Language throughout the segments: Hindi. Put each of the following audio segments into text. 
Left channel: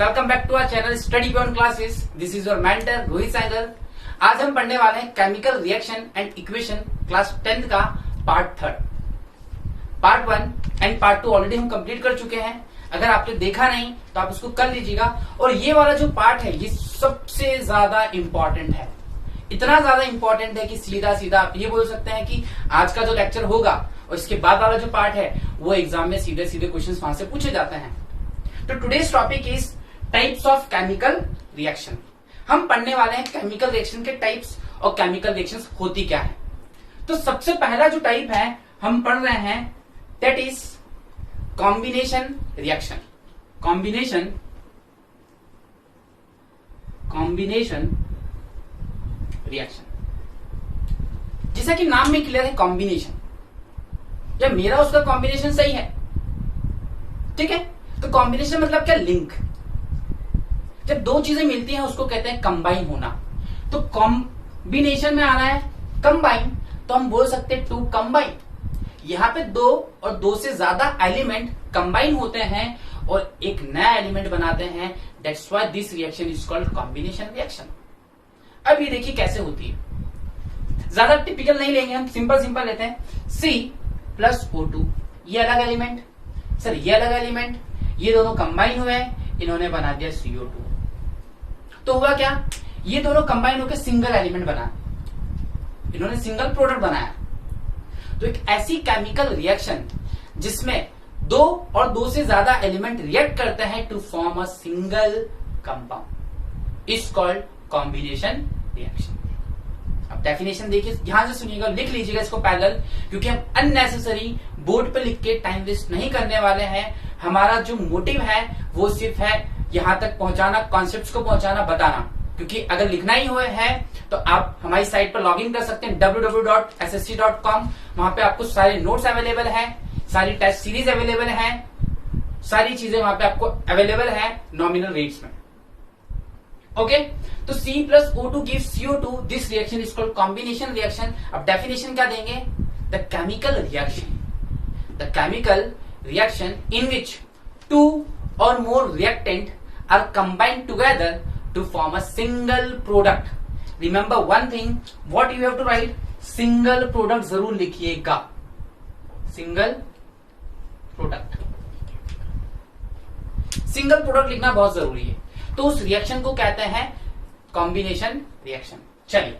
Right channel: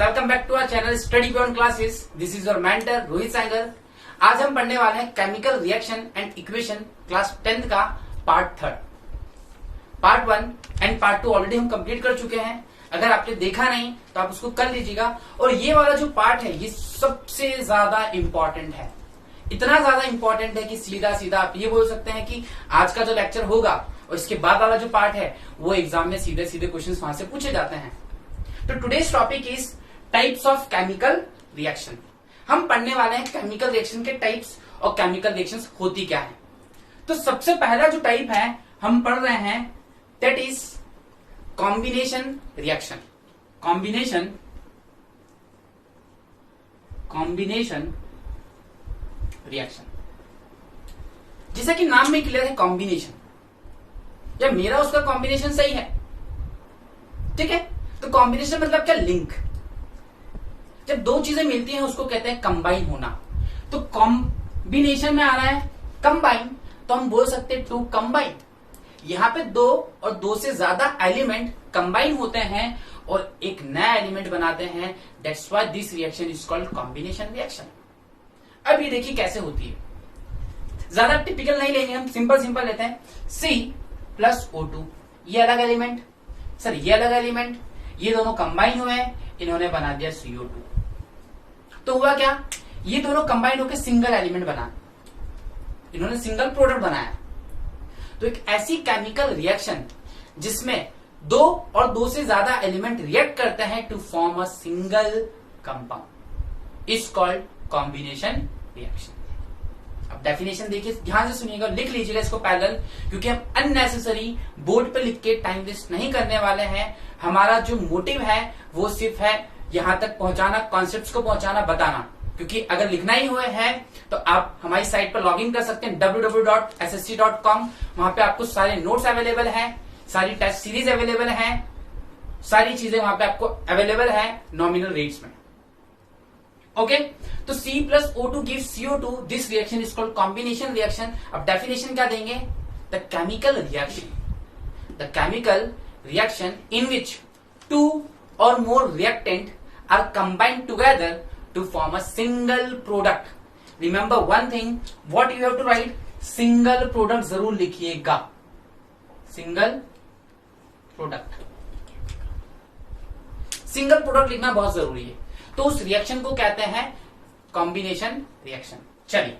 Welcome back to our channel study beyond classes. This is your mentor Rohit Saigal. आज हम पढ़ने वाले हैं chemical reaction and equation class 10th का part 3। Part 1 and part 2 already हम कंप्लीट कर चुके हैं। अगर आपने देखा नहीं तो आप उसको कर लीजिएगा। और ये वाला जो पार्ट है ये सबसे ज्यादा इंपॉर्टेंट है। इतना ज्यादा इंपॉर्टेंट है कि सीधा सीधा आप ये बोल सकते हैं कि आज का जो लेक्चर होगा और इसके बाद वाला जो पार्ट है वो एग्जाम में सीधे सीधे क्वेश्चन वहां से पूछे जाते हैं। तो today's topic is types of chemical reaction. हम पढ़ने वाले हैं केमिकल रिएक्शन के टाइप्स और केमिकल रिएक्शंस होती क्या है। तो सबसे पहला जो टाइप है हम पढ़ रहे हैं that is combination reaction. Combination reaction जैसा कि नाम में क्लियर है कॉम्बिनेशन, या मेरा उसका कॉम्बिनेशन सही है, ठीक है। तो कॉम्बिनेशन मतलब क्या? लिंक। जब दो चीजें मिलती हैं उसको कहते हैं कंबाइन होना। तो कॉम्बिनेशन में आ रहा है कंबाइन, तो हम बोल सकते हैं टू कंबाइन। यहां पे दो और दो से ज्यादा एलिमेंट कंबाइन होते हैं और एक नया एलिमेंट बनाते हैं। That's why this reaction is called combination reaction. अब ये देखिए कैसे होती है। ज्यादा टिपिकल नहीं लेंगे हम, सिंपल लेते हैं। C+O2 ये अलग एलिमेंट, सर ये अलग एलिमेंट, ये दोनों कंबाइन हुए हैं, इन्होंने बना दिया CO2। तो हुआ क्या? ये दोनों कंबाइन होकर सिंगल एलिमेंट बना, इन्होंने सिंगल प्रोडक्ट बनाया। तो एक ऐसी केमिकल रिएक्शन जिसमें दो और दो से ज्यादा एलिमेंट रिएक्ट करते हैं to form a single compound is called combination reaction. अब डेफिनेशन देखिए, ध्यान से सुनिएगा, लिख लीजिएगा इसको पैरेलल, क्योंकि हम अननेसेसरी बोर्ड पे लिख के टाइम वेस्ट नहीं करने वाले हैं। हमारा जो मोटिव है वो सिर्फ है यहां तक पहुंचाना, कॉन्सेप्ट्स को पहुंचाना, बताना। क्योंकि अगर लिखना ही हुआ है तो आप हमारी साइट पर लॉग इन कर सकते हैं www.ssc.com। वहां पे आपको सारे नोट्स अवेलेबल है, सारी टेस्ट सीरीज अवेलेबल है, सारी चीजें वहां पे आपको अवेलेबल है नॉमिनल रेट्स में। ओके, तो C+O2 gives CO2। This reaction is called combination reaction. अब डेफिनेशन क्या देंगे? The chemical reaction in which two or more reactant are combined together to form a single product. Remember one thing, what you have to write, single product जरूर लिखिएगा, सिंगल प्रोडक्ट। सिंगल प्रोडक्ट लिखना बहुत जरूरी है। तो उस रिएक्शन को कहते हैं कॉम्बिनेशन रिएक्शन। चलिए,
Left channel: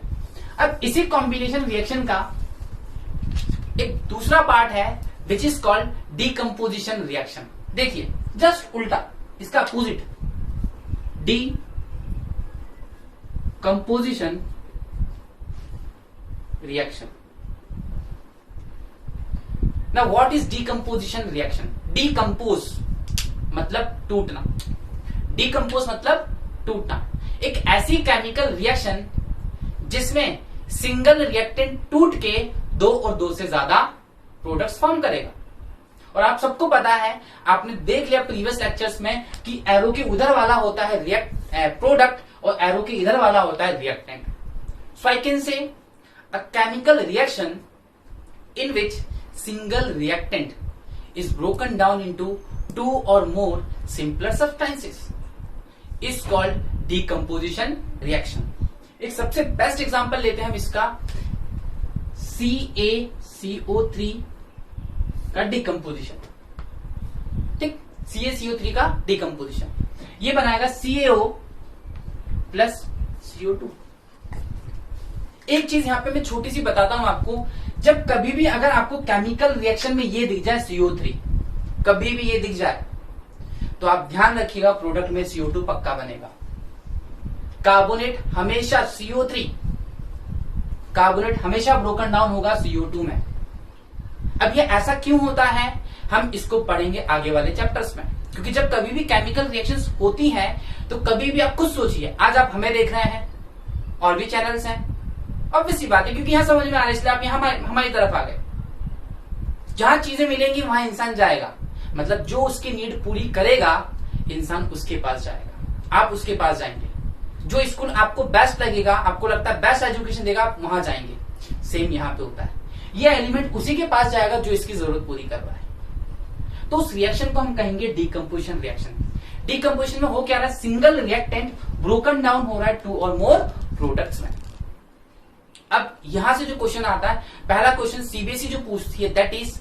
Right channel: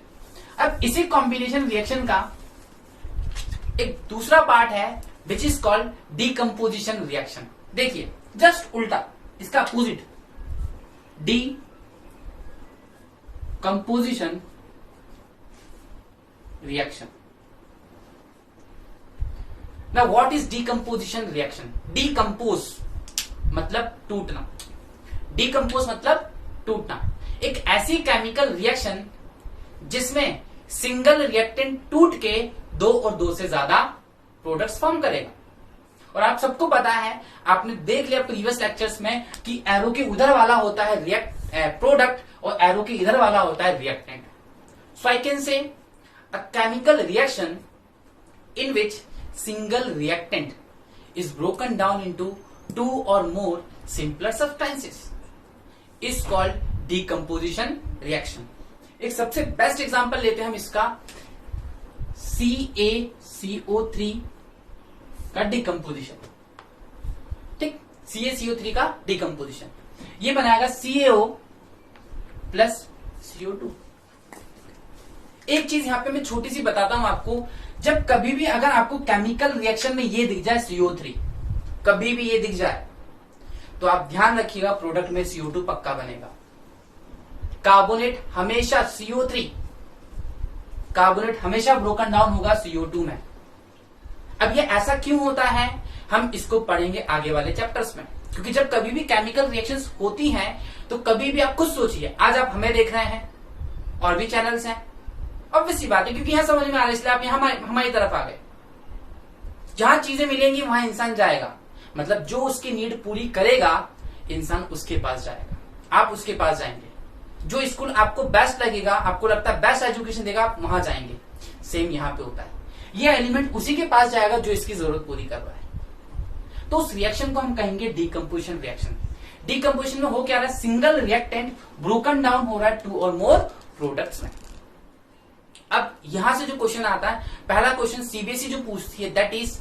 अब इसी कॉम्बिनेशन रिएक्शन का एक दूसरा पार्ट है विच इज कॉल्ड डीकम्पोजिशन रिएक्शन। देखिए जस्ट उल्टा, इसका opposite, decomposition reaction. Now what is decomposition reaction? Decompose मतलब टूटना, डीकम्पोज मतलब टूटना। एक ऐसी केमिकल रिएक्शन जिसमें सिंगल रिएक्टेंट टूट के दो और दो से ज्यादा प्रोडक्ट्स फॉर्म करेगा। और आप सबको पता है, आपने देख लिया प्रीवियस लेक्चर्स में कि एरो के उधर वाला होता है प्रोडक्ट और एरो के इधर वाला होता है reactant. So I can say a chemical reaction in which single reactant is broken down into two or more simpler substances is called decomposition reaction. एक सबसे बेस्ट एग्जांपल लेते हैं हम इसका, CaCO3 का डीकम्पोजिशन। ठीक, CaCO3 का डीकम्पोजिशन ये बनाएगा CaO प्लस CO2। एक चीज यहां पे मैं छोटी सी बताता हूं आपको, जब कभी भी अगर आपको केमिकल रिएक्शन में ये दिख जाए CO3, कभी भी ये दिख जाए तो आप ध्यान रखिएगा प्रोडक्ट में CO2 पक्का बनेगा। कार्बोनेट हमेशा CO3, कार्बोनेट हमेशा ब्रोकन डाउन होगा CO2 में। अब ये ऐसा क्यों होता है हम इसको पढ़ेंगे आगे वाले चैप्टर्स में। क्योंकि जब कभी भी केमिकल रिएक्शंस होती हैं तो कभी भी आप खुद सोचिए, आज आप हमें देख रहे हैं और भी चैनल्स हैं, ऑब्वियसली बात है, क्योंकि यहां समझ में आ रहा है इसलिए आप यहां हमारी तरफ आ गए। जहां चीजें मिलेंगी वहां इंसान जाएगा, मतलब जो उसकी नीड पूरी करेगा इंसान उसके पास जाएगा, आप उसके पास जाएंगे। जो स्कूल आपको बेस्ट लगेगा, आपको लगता है बेस्ट एजुकेशन देगा, आप वहां जाएंगे। सेम यहां पे होता है, ये एलिमेंट उसी के पास जाएगा जो इसकी जरूरत पूरी कर रहा है। तो उस रिएक्शन को हम कहेंगे डीकम्पोजिशन रिएक्शन। डिकम्पोजिशन में हो क्या रहा है, सिंगल रिएक्टेंट ब्रोकन डाउन हो रहा है 2 और मोर प्रोडक्ट्स में। अब यहां से जो क्वेश्चन आता है, पहला क्वेश्चन सीबीएसई जो पूछती है, that is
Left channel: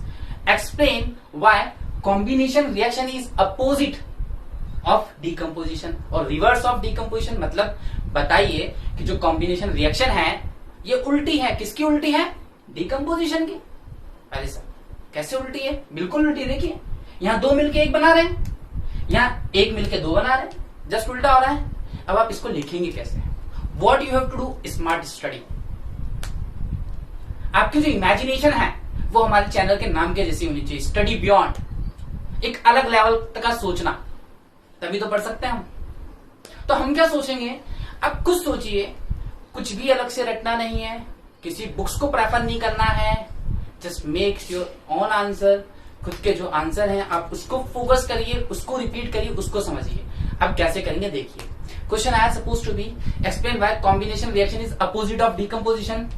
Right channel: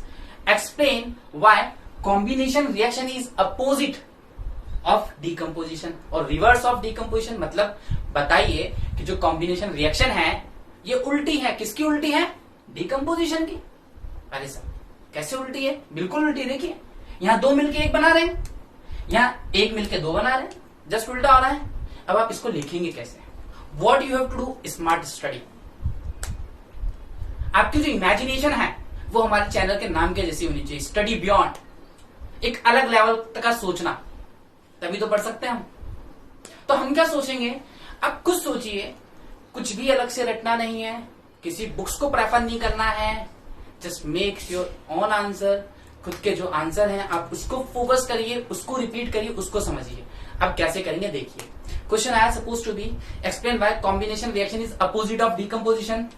explain why combination reaction is opposite of decomposition और रिवर्स ऑफ डिकम्पोजिशन। मतलब बताइए कि जो कॉम्बिनेशन रिएक्शन है ये उल्टी है, किसकी उल्टी है, डिकम्पोजिशन की। अरे सर कैसे उल्टी है, बिल्कुल उल्टी। देखिए यहां 2 मिलके 1 बना रहे हैं, यहां 1 मिलके 2 बना रहे हैं, जस्ट उल्टा हो रहा है। अब आप इसको लिखेंगे कैसे, what you have to do, smart study. आपकी जो इमेजिनेशन है वो हमारे चैनल के नाम के जैसी होनी चाहिए, स्टडी बियॉन्ड, एक अलग लेवल तक का सोचना, तभी तो पढ़ सकते हैं हम। तो हम क्या सोचेंगे, अब कुछ सोचिए, कुछ भी अलग से रटना नहीं है, किसी बुक्स को प्रेफर नहीं करना है, just make your own answer. खुद के जो आंसर हैं आप उसको फोकस करिए, उसको रिपीट करिए, उसको समझिए। अब कैसे करेंगे देखिए, क्वेश्चन आया suppose to be explain why combination reaction is opposite of decomposition.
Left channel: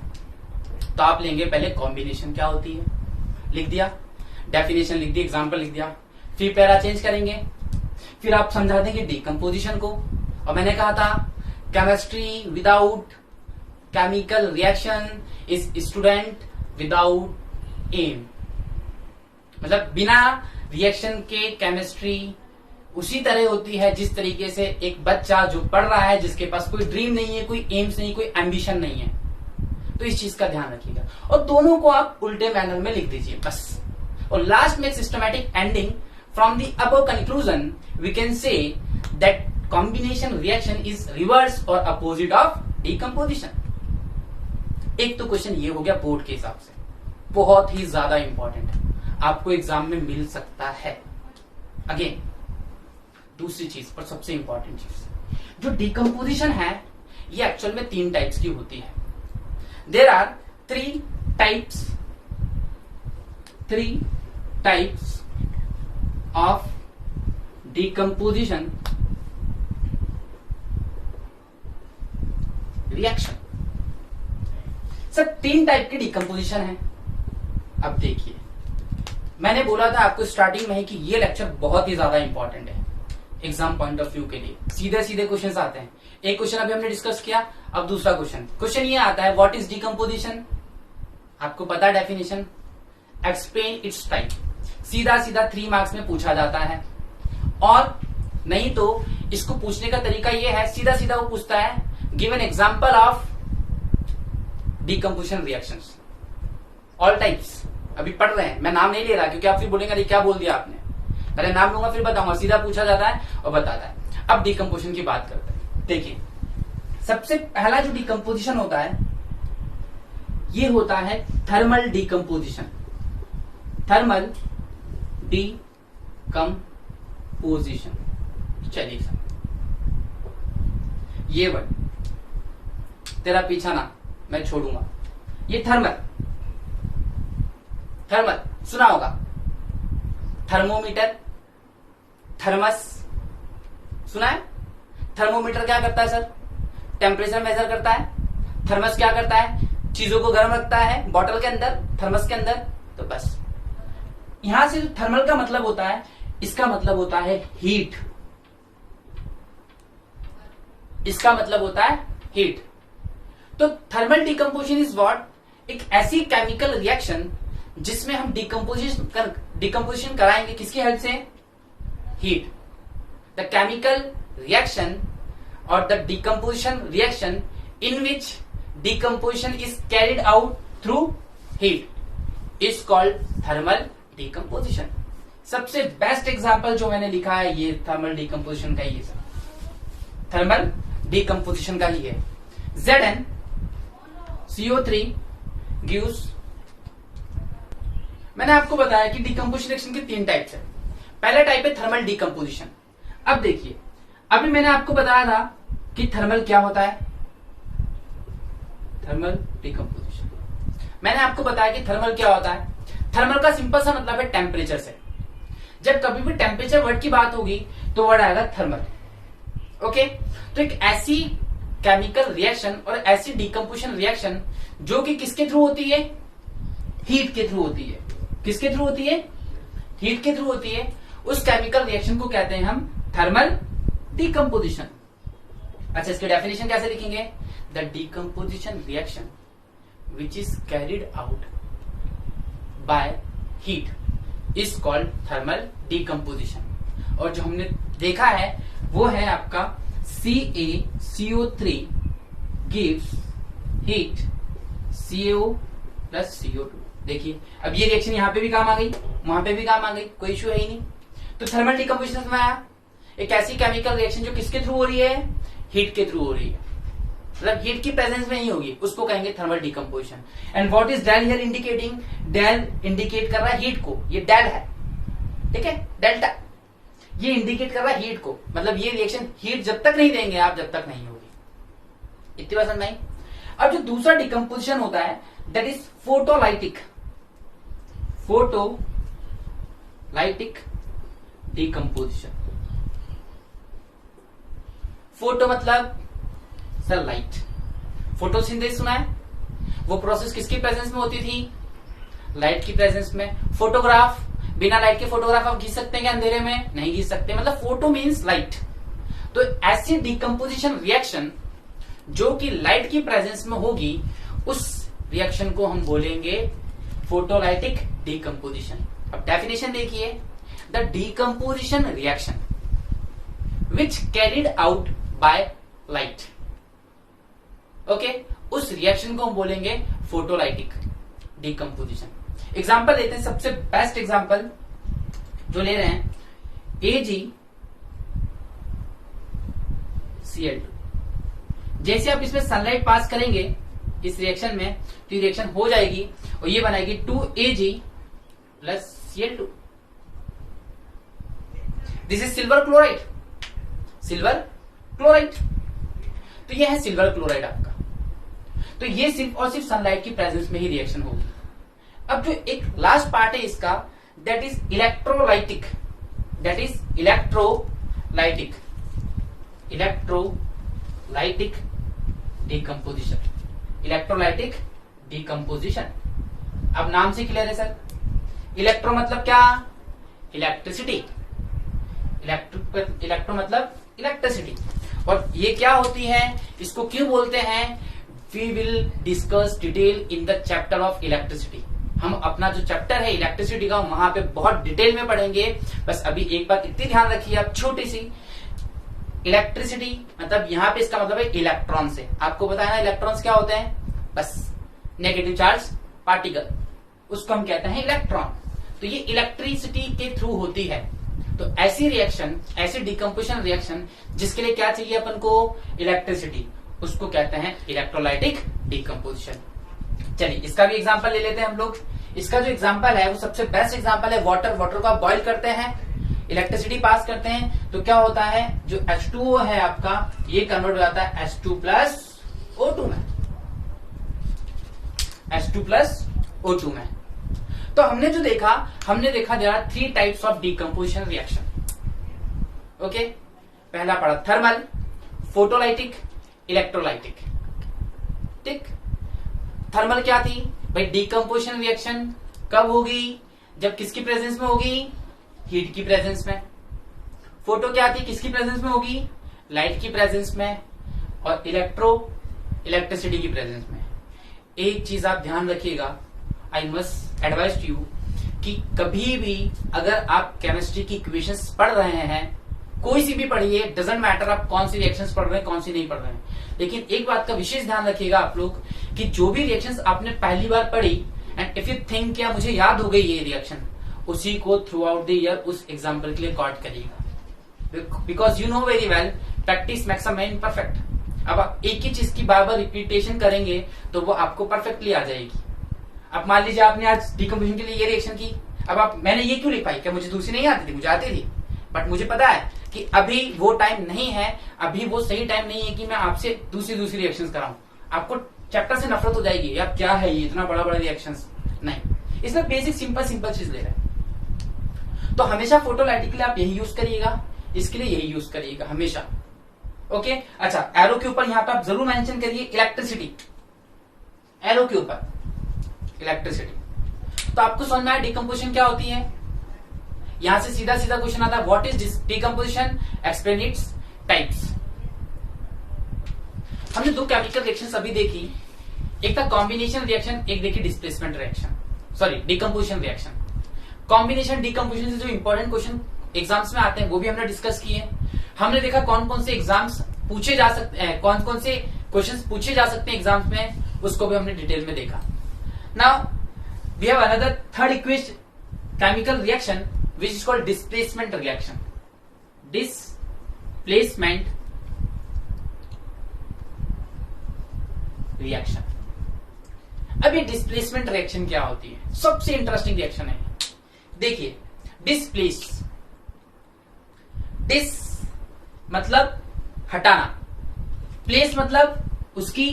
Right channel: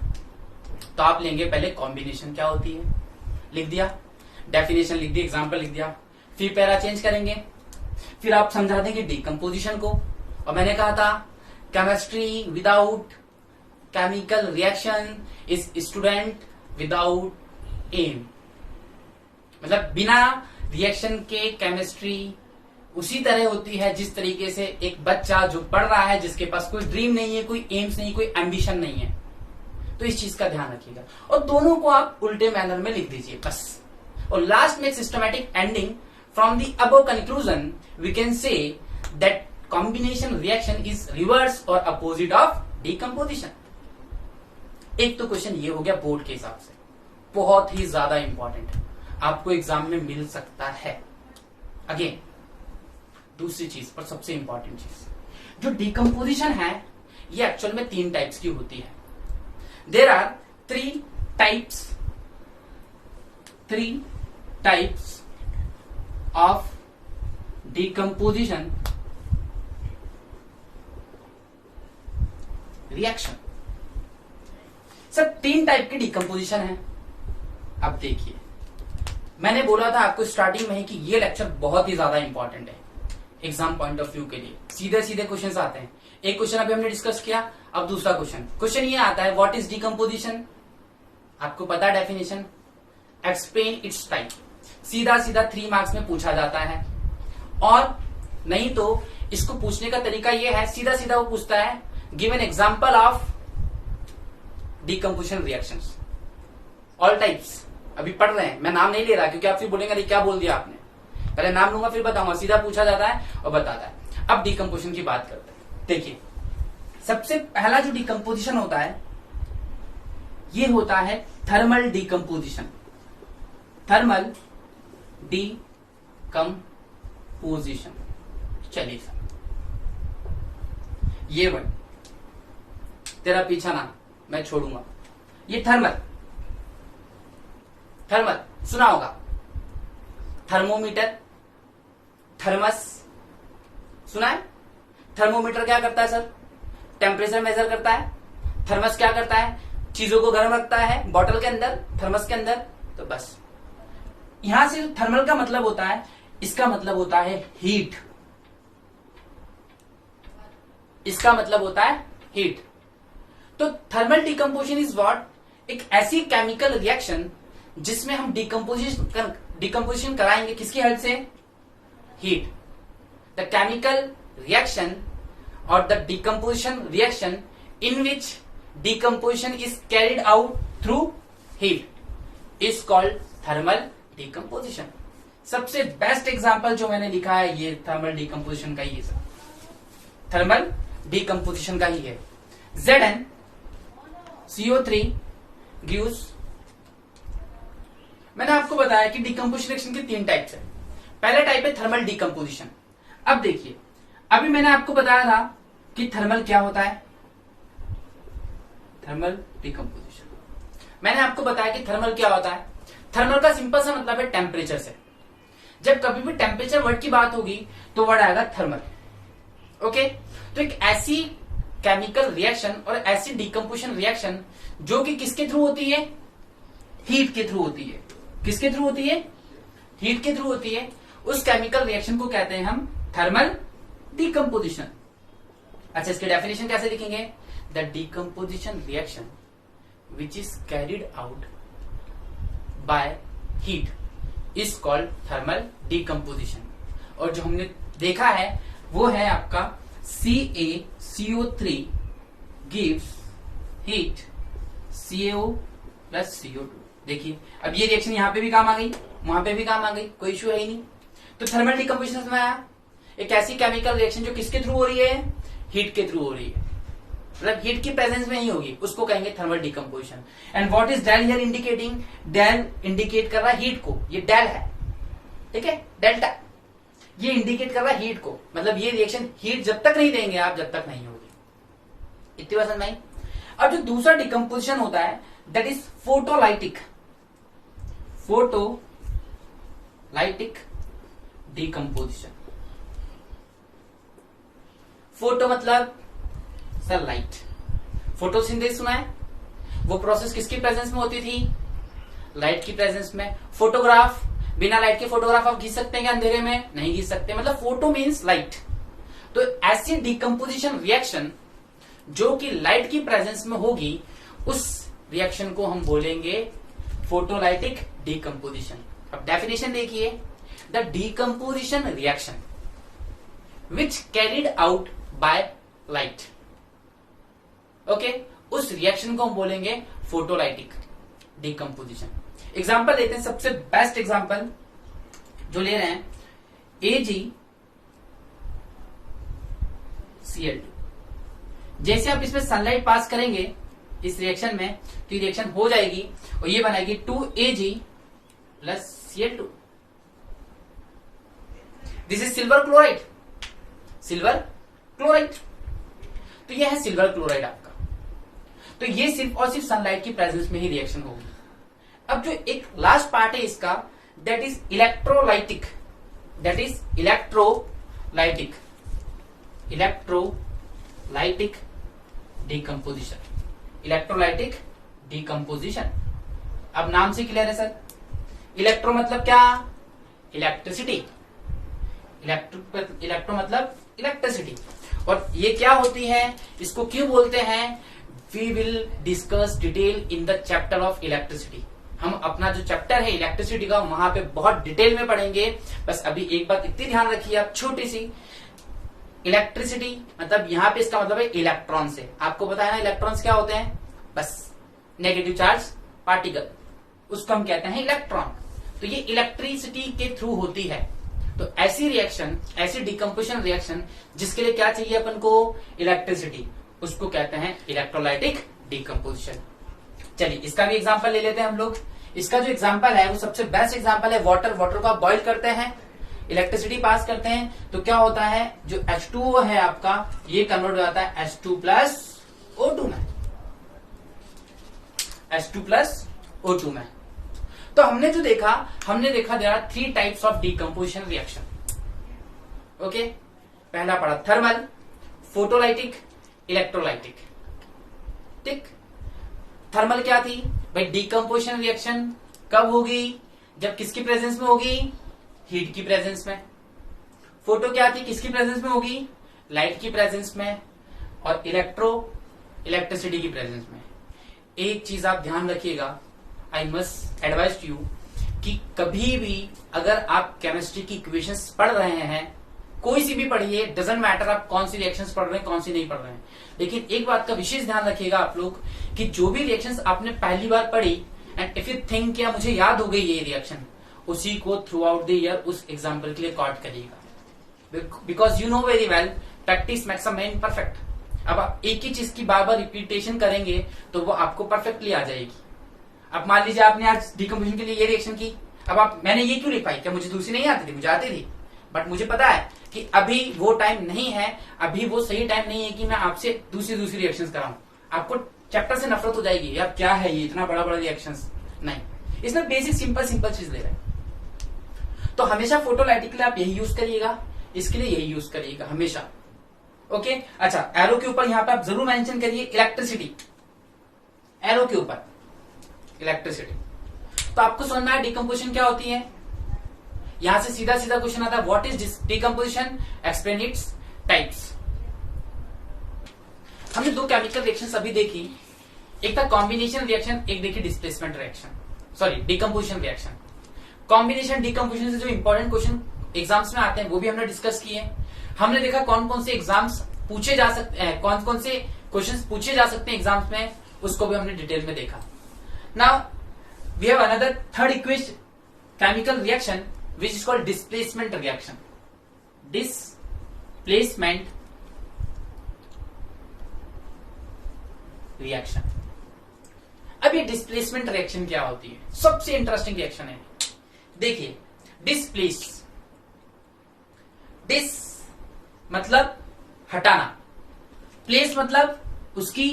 तो आप लेंगे पहले कॉम्बिनेशन क्या होती है, लिख दिया, डेफिनेशन लिख दी, एग्जाम्पल लिख दिया, फिर पैरा चेंज करेंगे, फिर आप समझा देंगे डिकम्पोजिशन को। और मैंने कहा था chemistry without chemical reaction is student without aim, मतलब बिना रिएक्शन के केमिस्ट्री उसी तरह होती है जिस तरीके से एक बच्चा जो पढ़ रहा है, जिसके पास कोई ड्रीम नहीं है, कोई एम्स नहीं, कोई एम्बिशन नहीं है। तो इस चीज का ध्यान रखिएगा और दोनों को आप उल्टे मैनर में लिख दीजिए बस। और लास्ट में systematic ending, from the above conclusion we can say that combination reaction is reverse और अपोजिट ऑफ डिकम्पोजिशन। एक तो क्वेश्चन ये हो गया बोर्ड के हिसाब से, बहुत ही ज्यादा इंपॉर्टेंट, आपको एग्जाम में मिल सकता है। अगेन दूसरी चीज और सबसे इंपॉर्टेंट चीज, जो डिकम्पोजिशन है ये एक्चुअल में 3 टाइप्स की होती है। There are 3 types of decomposition reaction. सब 3 टाइप की डिकम्पोजिशन है। अब देखिए मैंने बोला था आपको स्टार्टिंग में ही कि ये लेक्चर बहुत ही ज्यादा इंपॉर्टेंट है एग्जाम पॉइंट ऑफ व्यू के लिए। सीधे सीधे क्वेश्चंस आते हैं। एक क्वेश्चन अभी हमने डिस्कस किया, अब दूसरा क्वेश्चन ये आता है, व्हाट इज डिकम्पोजिशन। आपको पता है डेफिनेशन, एक्सप्लेन इट्स टाइप। सीधा सीधा 3 मार्क्स में पूछा जाता है। और नहीं तो इसको पूछने का तरीका ये है, सीधा सीधा वो पूछता है give an example of decomposition reactions all types. अभी पढ़ रहे हैं, मैं नाम नहीं ले रहा क्योंकि आप फिर बोलेंगे अरे क्या बोल दिया आपने, पहले नाम लूंगा फिर बताऊंगा। सीधा पूछा जाता है और बताता है। अब डिकम्पोजिशन की बात करते हैं। देखिए सबसे पहला जो डिकम्पोजिशन होता है ये होता है थर्मल डिकम्पोजिशन। थर्मल डिकम्पोजिशन, चलिए ये वर्ड तेरा पीछा ना मैं छोड़ूंगा। ये थर्मल सुना होगा, थर्मोमीटर, थर्मस सुना है। थर्मोमीटर क्या करता है सर, टेम्परेचर मेजर करता है। थर्मस क्या करता है, चीजों को गर्म रखता है बॉटल के अंदर, थर्मस के अंदर। तो बस यहां से जो थर्मल का मतलब होता है, इसका मतलब होता है हीट। इसका मतलब होता है हीट। तो थर्मल डिकम्पोजिशन इज व्हाट, एक ऐसी केमिकल रिएक्शन जिसमें हम डिकम्पोजिशन कराएंगे किसकी हेल्प से, हीट। द केमिकल रिएक्शन और the decomposition reaction in which decomposition is carried out through heat is called thermal decomposition. सबसे बेस्ट एग्जांपल जो मैंने लिखा है ये थर्मल डिकम्पोजिशन का ही है, थर्मल डिकम्पोजिशन का ही है। ZnCO3 गिव्स, मैंने आपको बताया कि डिकम्पोजिशन रिएक्शन के 3 टाइप्स है। पहला टाइप है थर्मल डिकम्पोजिशन। अब देखिए अभी मैंने आपको बताया था कि थर्मल क्या होता है, थर्मल डिकम्पोजिशन। मैंने आपको बताया कि थर्मल क्या होता है। थर्मल का सिंपल सा मतलब है टेम्परेचर से। जब कभी भी टेम्परेचर वर्ड की बात होगी तो वर्ड आएगा थर्मल। ओके, तो एक ऐसी केमिकल रिएक्शन और ऐसी डिकम्पोजिशन रिएक्शन जो कि किसके थ्रू होती है, हीट के थ्रू होती है। किसके थ्रू होती है, हीट के थ्रू होती है। उस केमिकल रिएक्शन को कहते हैं हम थर्मल डिकम्पोजिशन। अच्छा, इसके डेफिनेशन कैसे लिखेंगे? The decomposition reaction which is carried out by heat is called thermal decomposition. और जो हमने देखा है वो है आपका CaCO3 gives heat CaO plus CO2। देखिए अब ये रिएक्शन यहां पे भी काम आ गई, वहां पे भी काम आ गई, कोई इश्यू है ही नहीं। तो थर्मल डिकम्पोजिशन में आया एक ऐसी केमिकल रिएक्शन जो किसके थ्रू हो रही है? हीट के थ्रू हो रही है, मतलब हीट की प्रेजेंस में ही होगी, उसको कहेंगे thermal decomposition. And what is del here indicating? Del indicate कर रहा है हीट को, ये डेल है, ठीक है, डेल्टा, ये इंडिकेट कर रहा है हीट को, मतलब ये रिएक्शन हीट जब तक नहीं देंगे आप, जब तक नहीं होगी। इतनी बात समझ में आई? अब जो दूसरा डिकम्पोजिशन होता है that is photolytic, photolytic decomposition. Photo मतलब सर लाइट, फोटोसिंथेसिस सुना है? वो प्रोसेस किसकी प्रेजेंस में होती थी? लाइट की प्रेजेंस में। फोटोग्राफ, बिना लाइट के फोटोग्राफ आप खींच सकते हैं क्या अंधेरे में? नहीं खींच सकते, मतलब फोटो मीन्स लाइट। तो ऐसी डिकम्पोजिशन रिएक्शन जो कि लाइट की प्रेजेंस में होगी, उस रिएक्शन को हम बोलेंगे फोटोलाइटिक डिकम्पोजिशन। अब डेफिनेशन देखिए, the decomposition reaction which carried out by light, okay, उस रिएक्शन को हम बोलेंगे फोटोलाइटिक डिकम्पोजिशन। एग्जाम्पल लेते हैं, सबसे बेस्ट एग्जाम्पल जो ले रहे हैं AgCl2। जैसे आप इसमें सनलाइट पास करेंगे इस रिएक्शन में, तो रिएक्शन हो जाएगी और ये बनाएगी 2Ag plus Cl2। This is silver chloride, silver chloride. तो ये है सिल्वर क्लोराइड आपका। तो ये सिर्फ और सिर्फ सनलाइट की प्रेजेंस में ही रिएक्शन होगी। अब जो एक लास्ट पार्ट है इसका, that is electrolytic, that is electrolytic, electrolytic decomposition, electrolytic decomposition. अब नाम से क्लियर है सर? इलेक्ट्रो मतलब क्या? इलेक्ट्रिसिटी, इलेक्ट्रो मतलब इलेक्ट्रिसिटी। और ये क्या होती है, इसको क्यों बोलते हैं? We will discuss detail in the chapter of electricity. हम अपना जो चैप्टर है इलेक्ट्रिसिटी का, वहां पे बहुत डिटेल में पढ़ेंगे। बस अभी एक बात इतनी ध्यान रखिए आप, छोटी सी, इलेक्ट्रिसिटी मतलब यहां पे इसका मतलब है इलेक्ट्रॉन से। आपको पता है ना इलेक्ट्रॉन्स क्या होते हैं? बस नेगेटिव चार्ज पार्टिकल, उसको हम कहते हैं इलेक्ट्रॉन। तो ये इलेक्ट्रिसिटी के थ्रू होती है। तो ऐसी रिएक्शन, ऐसी डिकम्पोजिशन रिएक्शन जिसके लिए क्या चाहिए अपन को? इलेक्ट्रिसिटी, उसको कहते हैं इलेक्ट्रोलाइटिक डिकम्पोजिशन। चलिए इसका भी एग्जांपल ले लेते हैं हम लोग। इसका जो एग्जांपल है वो सबसे बेस्ट एग्जांपल है वाटर। वाटर को आप बॉईल करते हैं, इलेक्ट्रिसिटी पास करते हैं, तो क्या होता है? जो H2O है आपका, ये कन्वर्ट हो जाता है H2 प्लस O2 में, H2 प्लस O2 में। तो हमने जो देखा, हमने देखा there are 3 types of decomposition reaction. Okay, पहला पढ़ा थर्मल, फोटोलाइटिक, इलेक्ट्रोलाइटिक। ठीक, थर्मल क्या थी भाई? डिकम्पोजिशन रिएक्शन कब होगी? जब किसकी प्रेजेंस में होगी? हीट की प्रेजेंस में। फोटो क्या थी? किसकी प्रेजेंस में होगी? लाइट की प्रेजेंस में। और इलेक्ट्रिसिटी की प्रेजेंस में। एक चीज आप ध्यान रखिएगा, I must advise to you, कि कभी भी अगर आप केमिस्ट्री की इक्वेशंस पढ़ रहे हैं, कोई सी भी पढ़िए, डजेंट मैटर आप कौन सी रिएक्शंस पढ़ रहे हैं, कौन सी नहीं पढ़ रहे हैं, लेकिन एक बात का विशेष ध्यान रखिएगा आप लोग कि जो भी रिएक्शंस आपने पहली बार पढ़ी, एंड इफ यू थिंक क्या मुझे याद हो गई ये रिएक्शन, उसी को थ्रू आउट द ईयर उस एग्जाम्पल के लिए रिकॉर्ड करिएगा। Because you know very well, practice makes a man perfect. अब आप एक ही चीज की बार बार रिपीटेशन करेंगे तो वो आपको परफेक्टली आ जाएगी। अब मान लीजिए आपने आज डिकम्पोजिशन के लिए ये रिएक्शन की, अब आप, मैंने ये क्यों लिख पाई? क्या मुझे दूसरी नहीं आती थी? मुझे आती थी, बट मुझे पता है कि अभी वो टाइम नहीं है, अभी वो सही टाइम नहीं है कि मैं आपसे दूसरी रिएक्शंस कराऊं। आपको चैप्टर से नफरत हो जाएगी, यार क्या है ये इतना बड़ा बड़ा रिएक्शंस। नहीं, इसमें बेसिक सिंपल चीज ले रहे हैं। तो हमेशा फोटोलाइटिक के लिए आप यही यूज करिएगा, इसके लिए यही यूज करिएगा हमेशा। ओके, अच्छा, एरो के ऊपर यहां पर आप जरूर मेंशन करिए इलेक्ट्रिसिटी, एरो के ऊपर इलेक्ट्रिसिटी। तो आपको समझ में आया डिकम्पोजिशन क्या होती है? यहां से सीधा सीधा क्वेश्चन आता है, what is decomposition? Explain its types. हमने दो केमिकल रिएक्शन अभी देखी, एक था कॉम्बिनेशन रिएक्शन, एक देखी displacement reaction, sorry decomposition reaction. Combination decomposition से जो इंपॉर्टेंट क्वेश्चन एग्जाम्स में आते हैं वो भी हमने डिस्कस किए। हमने देखा कौन कौन से एग्जाम्स पूछे जा सकते हैं, कौन कौन से क्वेश्चंस पूछे जा सकते हैं एग्जाम्स में, उसको भी हमने डिटेल में देखा। Now we have another third equation chemical reaction which is called displacement reaction. Displacement reaction. अब ये डिस्प्लेसमेंट रिएक्शन क्या होती है? सबसे इंटरेस्टिंग रिएक्शन है। देखिए, डिस्प्लेस, डिस मतलब हटाना, प्लेस मतलब उसकी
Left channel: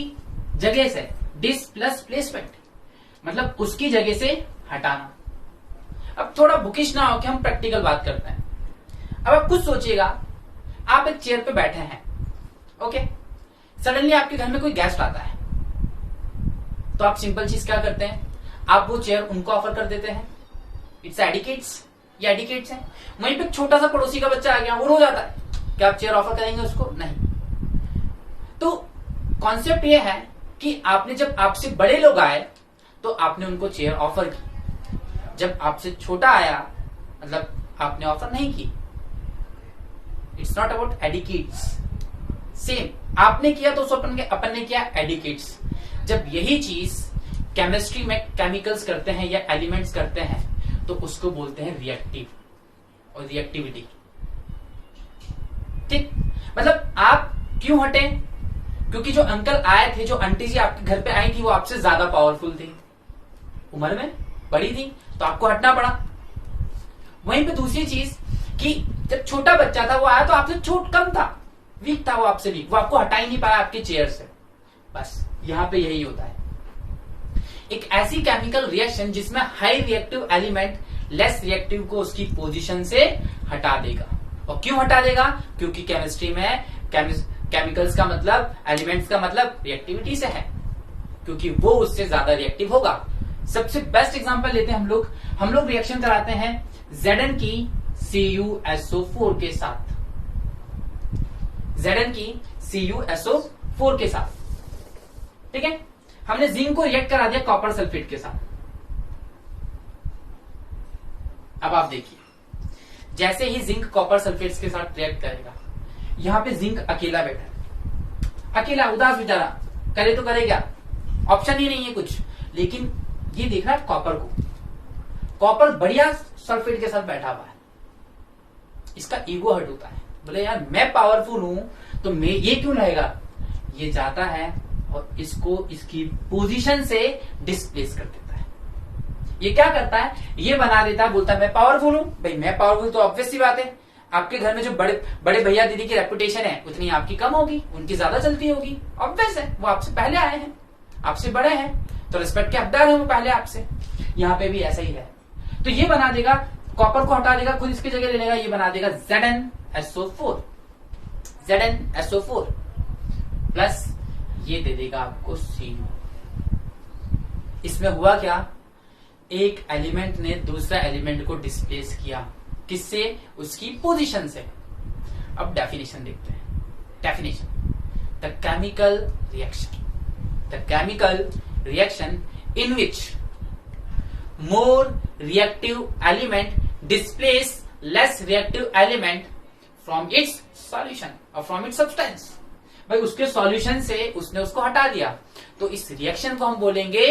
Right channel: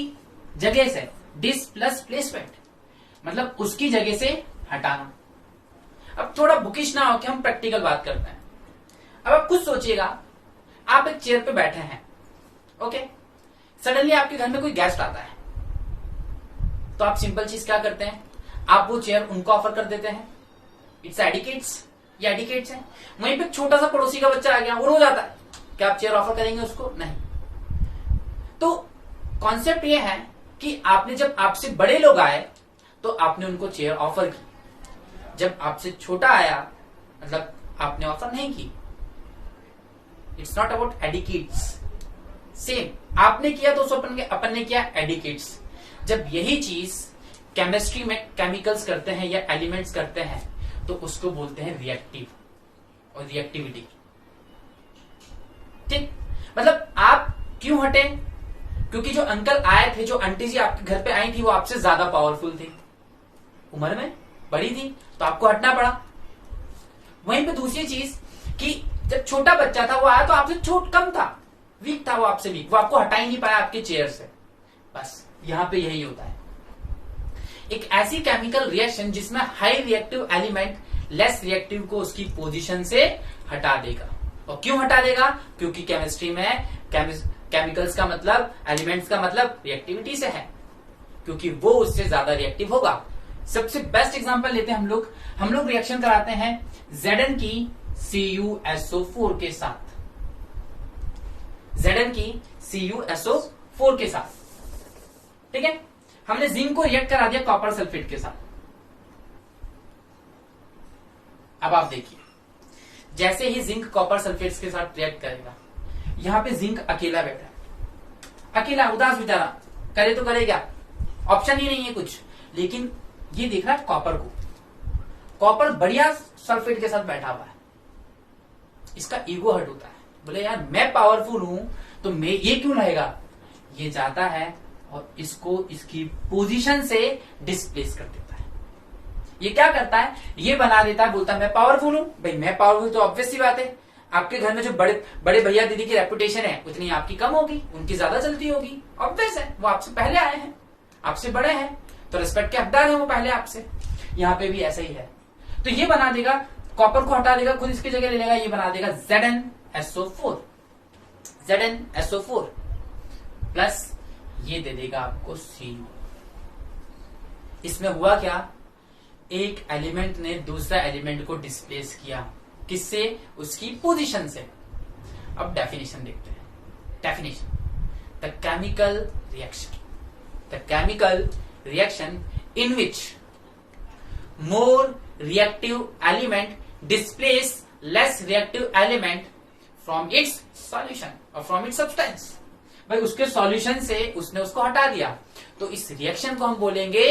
जगह से, डिस प्लस प्लेसमेंट मतलब उसकी जगह से हटाना। अब थोड़ा बुकिश ना हो कि हम प्रैक्टिकल बात करते हैं। अब आप खुद सोचिएगा, आप एक चेयर पे बैठे हैं, ओके, सडनली आपके घर में कोई गेस्ट आता है, तो आप सिंपल चीज क्या करते हैं, आप वो चेयर उनको ऑफर कर देते हैं। इट्स एडिकेट्स, ये एडिकेट्स है। वहीं पे छोटा सा पड़ोसी का बच्चा आ गया, वो रो जाता है, क्या आप चेयर ऑफर करेंगे उसको? नहीं। तो कॉन्सेप्ट ये है कि आपने जब आपसे बड़े लोग आए तो आपने उनको चेयर ऑफर की, जब आपसे छोटा आया मतलब आपने ऑफर नहीं की। It's not about etiquettes. Same आपने किया तो अपन ने किया एडिकेट्स। जब यही चीज केमिस्ट्री में केमिकल्स करते हैं या एलिमेंट्स करते हैं तो उसको बोलते हैं रिएक्टिव और रिएक्टिविटी। ठीक, मतलब आप क्यों हटे? क्योंकि जो अंकल आए थे, जो आंटी जी आपके घर पे आई थी, वो आपसे ज्यादा पावरफुल थी, उम्र में बड़ी थी, तो आपको हटना पड़ा। वहीं पे दूसरी चीज कि जब छोटा बच्चा था वो आया तो आपसे छोट कम था, वीक था, वो आपसे वीक, वो आपको हटा ही नहीं पाया आपके चेयर से। बस यहां पे यही होता है। एक ऐसी केमिकल रिएक्शन जिसमें high reactive element less reactive को उसकी पोजीशन से हटा देगा। और क्यों हटा देगा? क्योंकि केमिस्ट्री में केमिकल्स का मतलब, एलिमेंट्स का मतलब रिएक्टिविटी से है, क्योंकि वो उससे ज्यादा रिएक्टिव होगा। सबसे बेस्ट एग्जांपल लेते हैं हम लोग रिएक्शन कराते हैं Zn की CuSO4 के साथ, Zn की CuSO4 के साथ, ठीक है। हमने जिंक को रिएक्ट करा दिया कॉपर सल्फेट के साथ। अब आप देखिए, जैसे ही जिंक कॉपर सल्फेट के साथ रिएक्ट करेगा, यहां पे जिंक अकेला बैठा, अकेला उदास बेचारा, करे तो करे क्या, ऑप्शन ही नहीं है कुछ। लेकिन ये देख रहा है कॉपर को, कॉपर बढ़िया सल्फेट के साथ बैठा हुआ है, इसका ईगो हर्ट होता है, बोले यार मैं पावरफुल हूं तो मैं ये क्यों रहेगा। ये जाता है और इसको इसकी पोजीशन से डिस्प्लेस कर देता है। ये क्या करता है, ये बना देता है, बोलता है मैं पावरफुल हूं। भाई मैं पावरफुल तो ऑब्वियस सी बात है, आपके घर में जो बड़े भैया दीदी की रेपुटेशन है उतनी आपकी कम होगी, उनकी ज्यादा चलती होगी, ऑब्वियस है। वो आपसे पहले आए हैं, आपसे बड़े हैं, तो रिस्पेक्ट के हकदार है वो पहले आपसे। यहाँ पे भी ऐसा ही है। तो ये बना देगा, कॉपर को हटा देगा, खुद इसकी जगह ले लेगा, ये बना देगा ZnSO4, ZnSO4 प्लस ये दे देगा आपको Cu। इसमें हुआ क्या, एक एलिमेंट ने दूसरा एलिमेंट को डिस्प्लेस किया, किससे? उसकी पोजीशन से। अब डेफिनेशन देखते हैं। Definition, the chemical reaction in which more reactive element displace less reactive element from its solution or from its substance। भाई उसके सॉल्यूशन से उसने उसको हटा दिया, तो इस रिएक्शन को हम बोलेंगे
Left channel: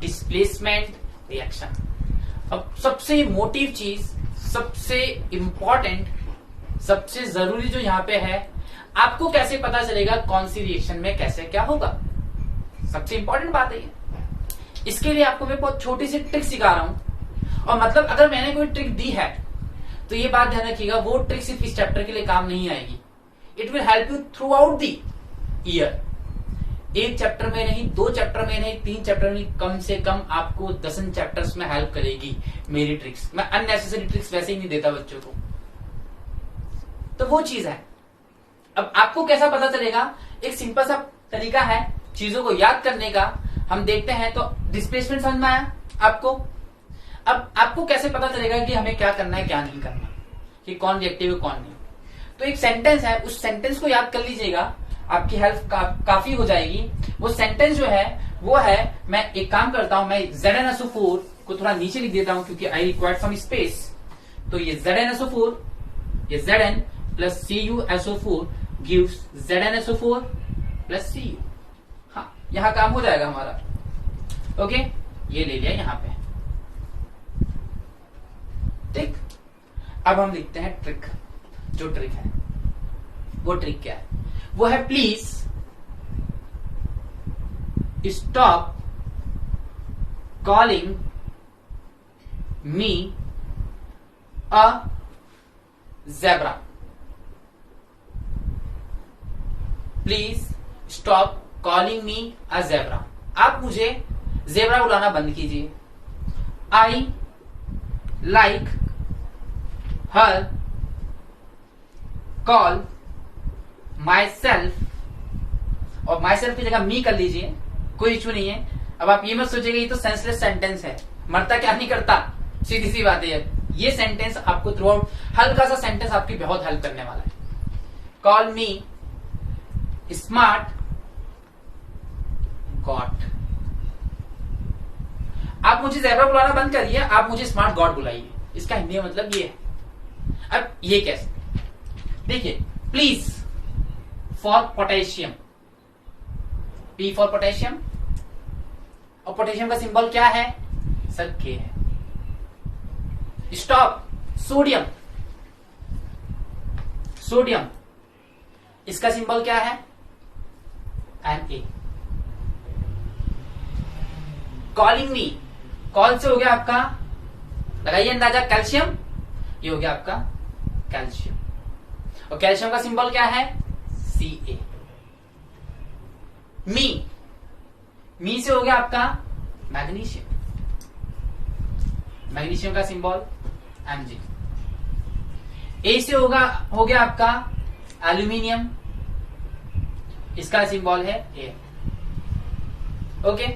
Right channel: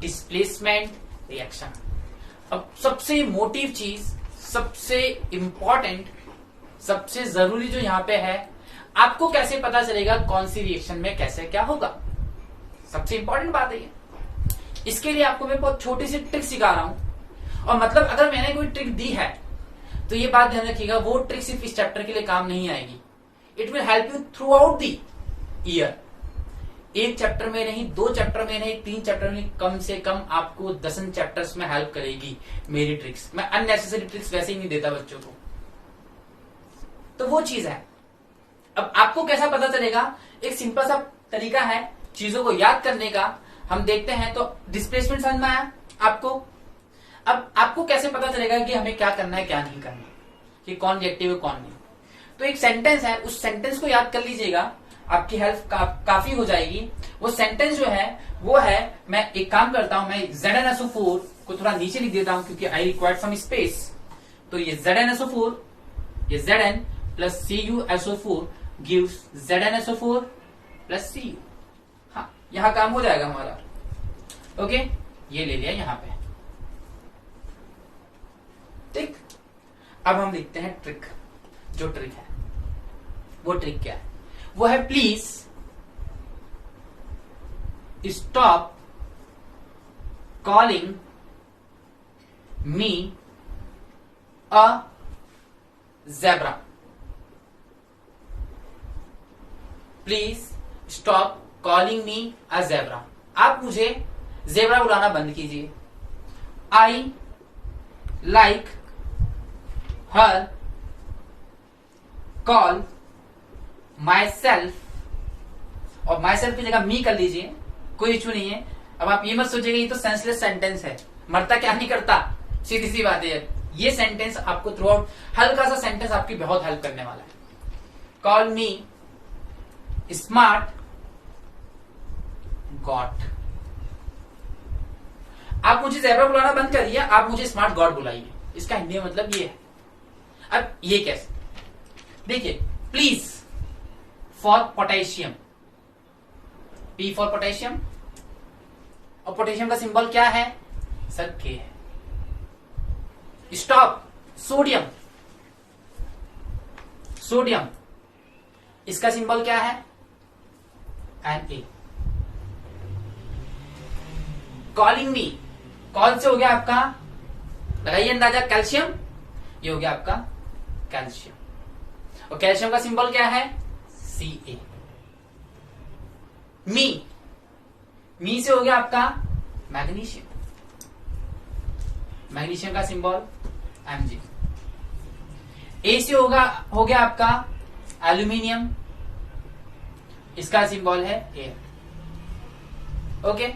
डिस्प्लेसमेंट रिएक्शन। अब सबसे मोटिव चीज, सबसे इंपॉर्टेंट, सबसे जरूरी जो यहां पे है, आपको कैसे पता चलेगा कौन सी रिएक्शन में कैसे क्या होगा। सबसे इंपॉर्टेंट बात है ये। इसके लिए आपको मैं बहुत छोटी सी ट्रिक सिखा रहा हूं, और मतलब अगर मैंने कोई ट्रिक दी है तो ये बात ध्यान रखिएगा, वो ट्रिक सिर्फ इस चैप्टर के लिए काम नहीं आएगी। It will help you through out the year. एक चैप्टर में नहीं, 2 चैप्टर में नहीं, 3 चैप्टर में नहीं, कम से कम आपको 10 चैप्टर्स में हेल्प करेगी मेरी ट्रिक्स। मैं अननेसेसरी ट्रिक्स वैसे ही नहीं देता बच्चों को, तो वो चीज है। अब आपको कैसा पता चलेगा, एक सिंपल सा तरीका है चीजों को याद करने का। हम देखते हैं, तो डिस्प्लेसमेंट समझ में आया आपको। अब आपको कैसे पता चलेगा कि हमें क्या करना है क्या नहीं करना, कि कौन रिएक्टिव है कौन नहीं। तो एक सेंटेंस है, उस सेंटेंस को याद कर लीजिएगा, आपकी हेल्प काफी हो जाएगी। वो सेंटेंस जो है वो है, मैं एक काम करता हूं, मैं ZnSO4 को थोड़ा नीचे लिख देता हूं क्योंकि आई रिक्वायर्ड सम स्पेस। तो ये ZnSO4, ये Zn plus CuSO4 gives ZnSO4 plus Cu। हाँ, यहां काम हो जाएगा हमारा। ओके, ये ले लिया यहां पे। ठीक, अब हम लिखते हैं ट्रिक। जो ट्रिक है वो ट्रिक क्या है? वो है please stop calling me a zebra. Please stop calling me a zebra. आप मुझे ज़ेब्रा बुलाना बंद कीजिए। I like her call my self, और माई सेल्फ की जगह मी कर लीजिए, कोई इशू नहीं है। अब आप ये मत सोचिएगा ये तो सेंसलेस सेंटेंस है, मरता क्या नहीं करता, सीधी सी बात है। ये सेंटेंस आपको थ्रू आउट, हल्का सा सेंटेंस आपकी बहुत हेल्प करने वाला है। कॉल मी स्मार्ट गॉड। आप मुझे ज़ेब्रा बुलाना बंद करिए, आप मुझे स्मार्ट गॉड बुलाइए। इसका हिंदी में मतलब ये है। अब ये कैसे? देखिए, please for potassium, P for potassium, और पोटेशियम का सिंबल क्या है सर? K है। स्टॉप सोडियम, सोडियम इसका सिंबल क्या है? Na। कॉलिंग मी, कॉल से हो गया आपका, लगाइए अंदाजा, कैल्शियम। ये हो गया आपका कैल्शियम, और कैल्शियम का सिंबल क्या है? Ca। मी से हो गया आपका मैग्नीशियम, मैग्नीशियम का सिंबल Mg। ए से हो गया आपका एल्यूमिनियम, इसका सिंबल है एयर। ओके,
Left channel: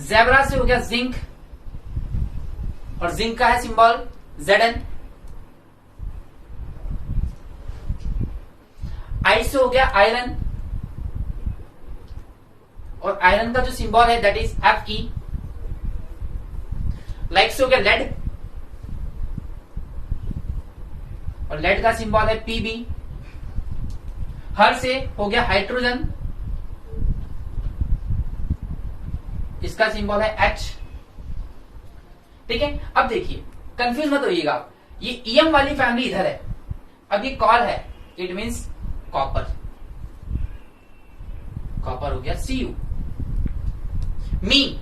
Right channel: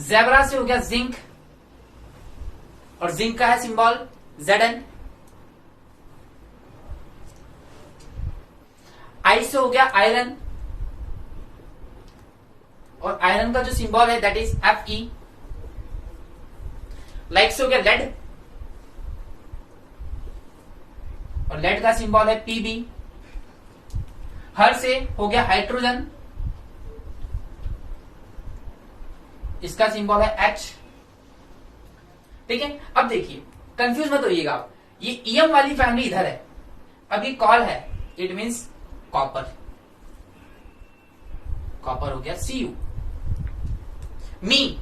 ज़ेब्रा से हो गया जिंक, और जिंक का है सिंबल Zn। आई से हो गया आयरन, और आयरन का जो सिंबल है दैट इज Fe। लाइक से हो गया लेड, और लेड का सिंबल है Pb। हर से हो गया हाइड्रोजन, इसका सिंबल है H। ठीक है, अब देखिए कंफ्यूज मत होइएगा आप, ये EM वाली फैमिली इधर है, अब ये कॉल है, इट मीन्स कॉपर, कॉपर हो गया Cu। मी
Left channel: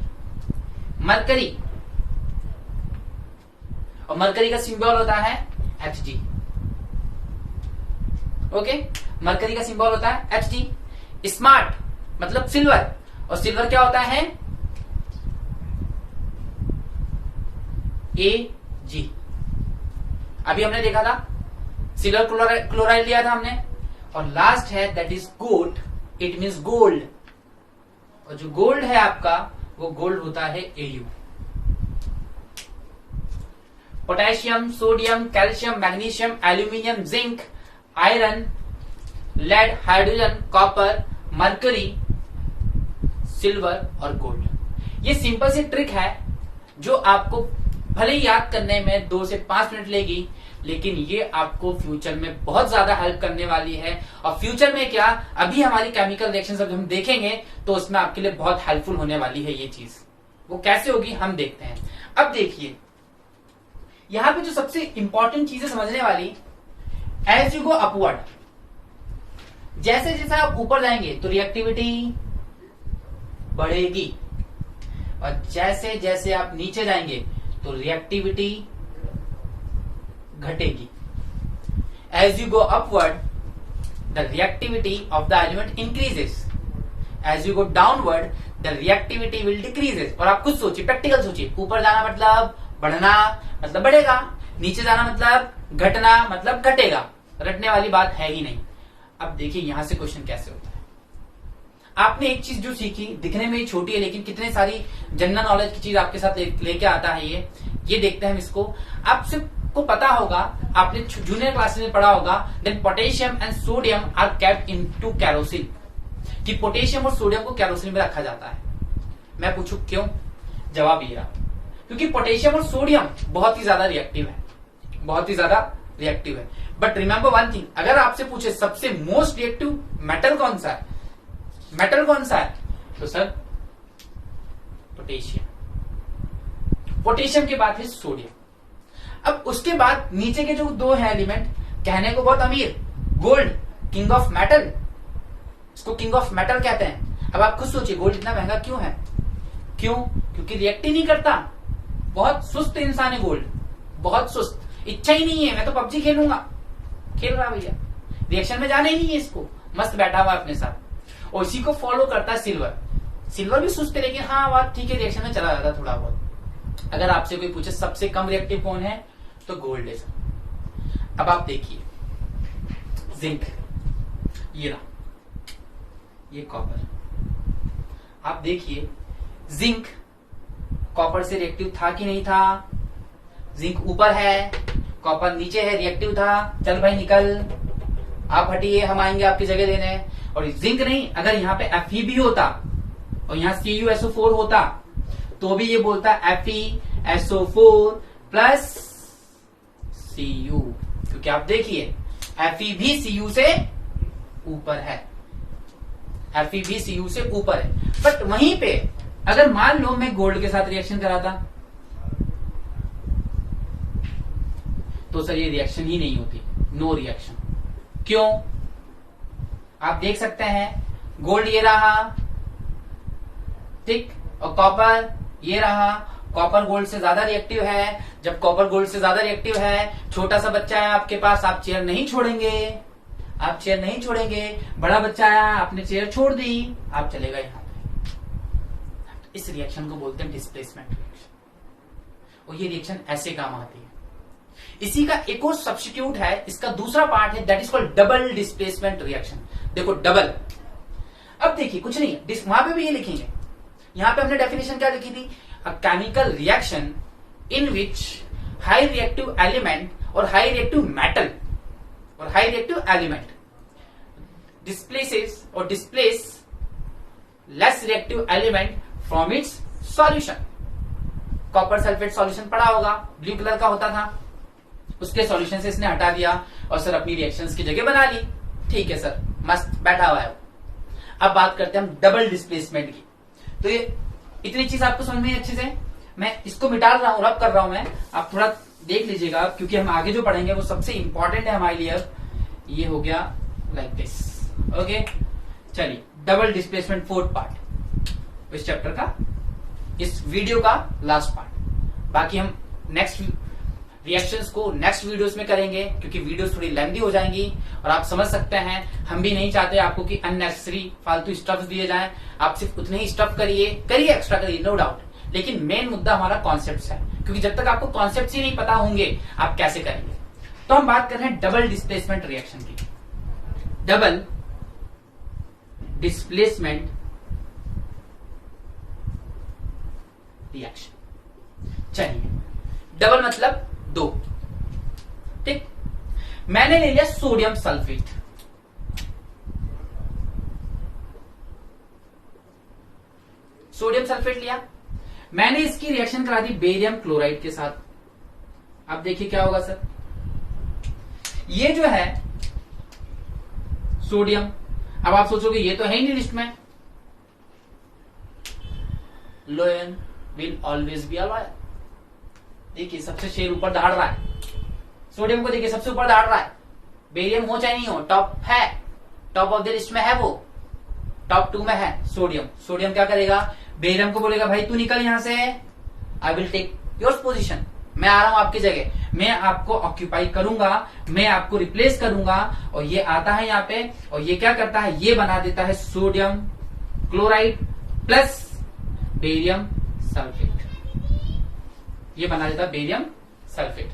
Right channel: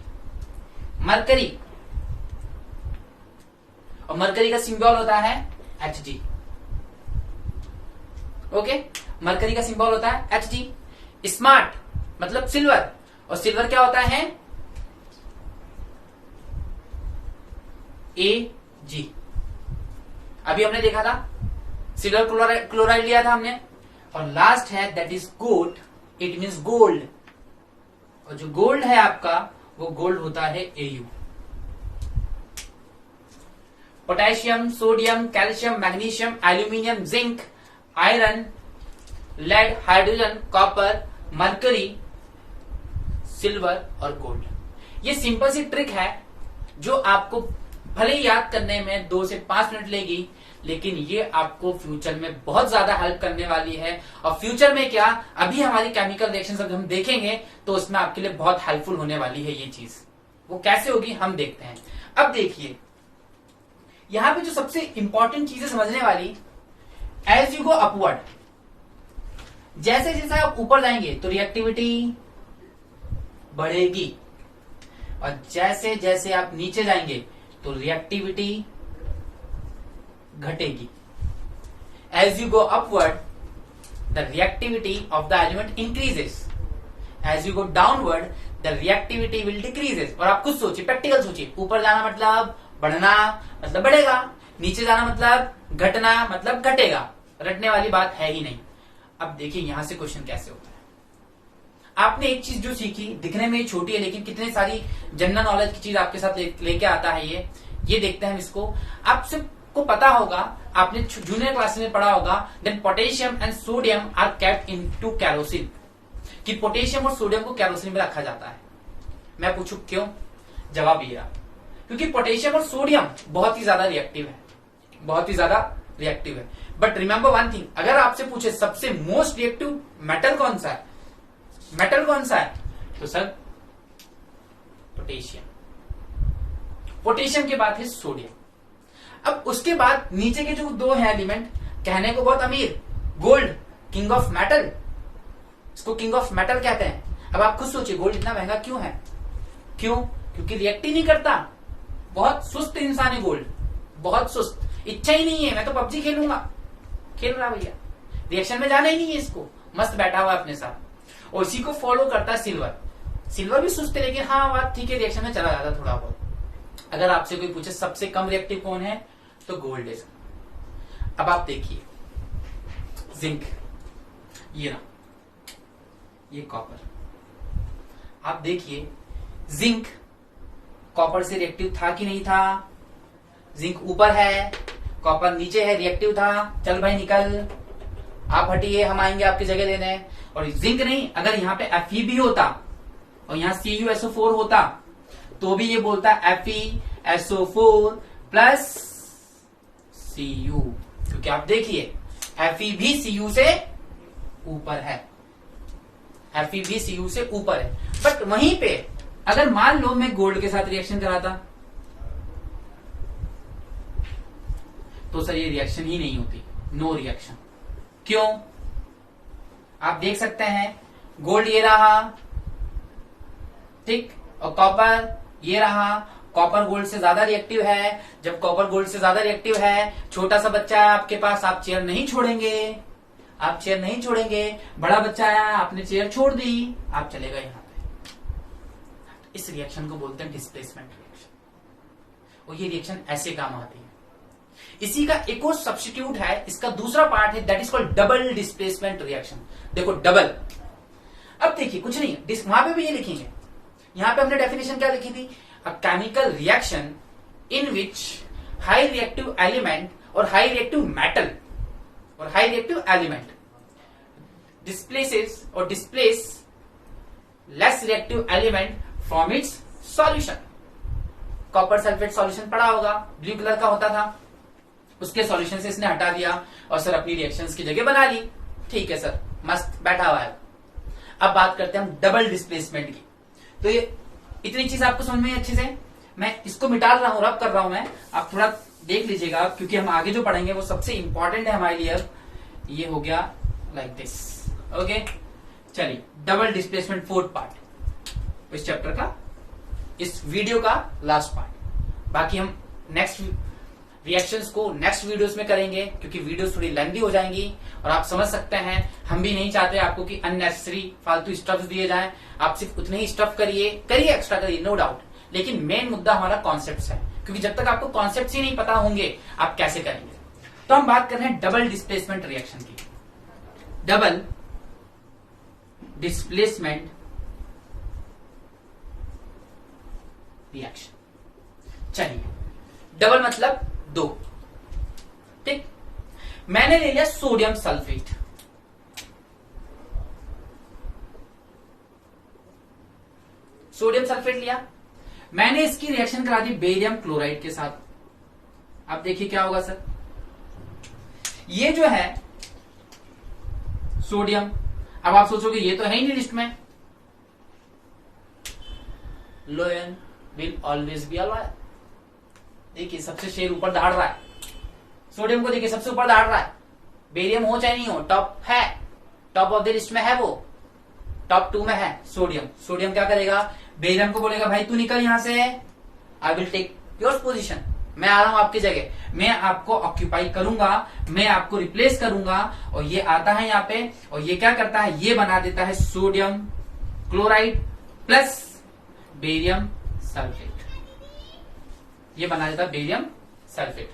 मरकरी, और मरकरी का सिंबल होता है Hg। ओके, मरकरी का सिंबल होता है Hg। स्मार्ट मतलब सिल्वर, और सिल्वर क्या होता है? Ag। अभी हमने देखा था सिल्वर क्लोराइड लिया था हमने। और लास्ट है that is gold, it means gold, और जो गोल्ड है आपका वो गोल्ड होता है Au। Potassium, sodium, calcium, magnesium, aluminium, zinc, iron, lead, hydrogen, copper, mercury, silver और गोल्ड। ये सिंपल सी ट्रिक है जो आपको भले ही याद करने में 2 से 5 मिनट लेगी, लेकिन ये आपको फ्यूचर में बहुत ज्यादा हेल्प करने वाली है। और फ्यूचर में क्या, अभी हमारी केमिकल रिएक्शन जब हम देखेंगे तो उसमें आपके लिए बहुत हेल्पफुल होने वाली है ये चीज। वो कैसे होगी हम देखते हैं। अब देखिए यहां पे जो सबसे इंपॉर्टेंट चीजें समझने वाली, एज यू गो अपवर्ड, जैसे जैसे आप ऊपर जाएंगे तो रिएक्टिविटी बढ़ेगी, और जैसे जैसे आप नीचे जाएंगे तो रिएक्टिविटी घटेगी। As you go upward the reactivity of the element increases, as you go downward the reactivity will decreases. और आप खुद सोचिए, प्रैक्टिकल सोचिए, ऊपर जाना मतलब बढ़ना मतलब बढ़ेगा, नीचे जाना मतलब घटना मतलब घटेगा, रटने वाली बात है ही नहीं। अब देखिए यहां से क्वेश्चन कैसे होता है। आपने एक चीज जो सीखी, दिखने में छोटी है लेकिन कितनी सारी जनरल नॉलेज की चीज आपके साथ लेके आता है ये देखते हैं हम इसको। आप सिर्फ आपको पता होगा, आपने जूनियर क्लासेस में पढ़ा होगा, then potassium and sodium are kept into kerosene, कि पोटेशियम और सोडियम को कैरोसिन में रखा जाता है। मैं पूछूं क्यों? जवाब ये रहा, क्योंकि पोटेशियम और सोडियम बहुत ही ज्यादा रिएक्टिव है, बहुत ही ज्यादा रिएक्टिव है। बट रिमेंबर वन थिंग, अगर आपसे पूछे सबसे मोस्ट रिएक्टिव मेटल कौन सा है, मेटल कौन सा है, तो सर पोटेशियम। पोटेशियम के बाद है सोडियम। अब उसके बाद नीचे के जो दो है एलिमेंट, कहने को बहुत अमीर, गोल्ड किंग ऑफ मेटल, इसको किंग ऑफ मेटल कहते हैं। अब आप खुद सोचिए गोल्ड इतना महंगा क्यों है? क्यों? क्योंकि रिएक्ट ही नहीं करता, बहुत सुस्त इंसान है गोल्ड, बहुत सुस्त, इच्छा ही नहीं है मैं तो पबजी खेलूंगा, खेल रहा भैया, रिएक्शन में जाना ही नहीं है इसको, मस्त बैठा हुआ अपने साथ। और इसी को फॉलो करता है सिल्वर। सिल्वर भी सुस्त है लेकिन हाँ बात ठीक है, रिएक्शन में चला जाता थोड़ा बहुत। अगर आपसे कोई पूछे सबसे कम रिएक्टिव कौन है, तो गोल्ड है। अब आप देखिए जिंक, ये रहा, ये कॉपर। आप देखिए जिंक कॉपर से रिएक्टिव था कि नहीं था? जिंक ऊपर है, कॉपर नीचे है, रिएक्टिव था। चल भाई निकल, आप हटिए, हम आएंगे आपकी जगह लेने। और जिंक नहीं, अगर यहाँ पे Fe भी होता और यहाँ CuSO4 होता तो भी ये बोलता FeSO4 प्लस Cu, क्योंकि आप देखिए Fe भी Cu से ऊपर है, Fe भी Cu से ऊपर है। बट वहीं पे अगर मान लो मैं गोल्ड के साथ रिएक्शन कराता तो सर ये रिएक्शन ही नहीं होती, नो रिएक्शन। क्यों? आप देख सकते हैं गोल्ड ये रहा, ठीक, और कॉपर ये रहा। कॉपर गोल्ड से ज्यादा रिएक्टिव है। जब कॉपर गोल्ड से ज्यादा रिएक्टिव है, छोटा सा बच्चा है आपके पास, आप चेयर नहीं छोड़ेंगे, आप चेयर नहीं छोड़ेंगे। बड़ा बच्चा आया, आपने चेयर छोड़ दी, आप चलेगा यहां पे। इस रिएक्शन को बोलते हैं डिस्प्लेसमेंट रिएक्शन, और ये रिएक्शन ऐसे काम आती है। इसी का एक और सब्स्टिट्यूट है, इसका दूसरा पार्ट है, that is called double displacement reaction. देखो डबल, अब देखिए कुछ नहीं, वहां पे भी ये लिखेंगे। यहां पे हमने डेफिनेशन क्या लिखी थी? अ chemical reaction in which high reactive element और हाई रिएक्टिव मेटल और हाई रिएक्टिव एलिमेंट डिस्प्लेसेस और displace less reactive element from its solution. Copper sulphate solution पड़ा होगा, ब्लू कलर का होता था, उसके सॉल्यूशन से इसने हटा दिया और सर अपनी रिएक्शंस की जगह बना ली। ठीक है सर, मस्त बैठा हुआ है। अब बात करते हैं हम डबल डिस्प्लेसमेंट की। तो ये इतनी चीज आपको समझ में अच्छे से, मैं इसको मिटा रहा हूं, रब कर रहा हूं मैं, आप थोड़ा देख लीजिएगा क्योंकि हम आगे जो पढ़ेंगे वो सबसे इंपॉर्टेंट है हमारे लिए। ये हो गया लाइक दिस, ओके। चलिए डबल डिस्प्लेसमेंट फोर्थ पार्ट इस चैप्टर का, इस वीडियो का लास्ट पार्ट। बाकी हम नेक्स्ट रिएक्शंस को नेक्स्ट वीडियोस में करेंगे क्योंकि वीडियोस थोड़ी लेंथी हो जाएंगी और आप समझ सकते हैं हम भी नहीं चाहते आपको कि अननेसेसरी फालतू स्टफ्स दिए जाएं। आप सिर्फ उतने ही स्टफ करिए एक्स्ट्रा करिए, नो डाउट, लेकिन मेन मुद्दा हमारा कॉन्सेप्ट है, क्योंकि जब तक आपको कॉन्सेप्ट ही नहीं पता होंगे आप कैसे करेंगे। तो हम बात कर रहे हैं डबल डिस्प्लेसमेंट रिएक्शन की। डबल डिस्प्लेसमेंट रिएक्शन, चलिए डबल मतलब दो, ठीक। मैंने ले लिया सोडियम सल्फेट, सोडियम सल्फेट लिया, मैंने इसकी रिएक्शन करा दी बेरियम क्लोराइड के साथ। अब देखिए क्या होगा सर, ये जो है सोडियम, अब आप सोचोगे ये तो है ही नहीं लिस्ट में, लोयन will always be a lawyer. देखिए सबसे शेर ऊपर दहाड़ रहा है, सोडियम को देखिए सबसे ऊपर दहाड़ रहा है, बेरियम हो चाहे नहीं हो, टॉप है, टॉप ऑफ द लिस्ट में है, वो टॉप 2 में है सोडियम। सोडियम क्या करेगा, बेरियम को बोलेगा भाई तू निकल यहां से, I will take your position, मैं आ रहा हूं आपकी जगह, मैं आपको ऑक्यूपाई करूंगा, मैं आपको रिप्लेस करूंगा। और ये आता है यहाँ पे और ये क्या करता है, ये बना देता है sodium chloride plus barium sulphate, ये बना देता है बेरियम सल्फेट।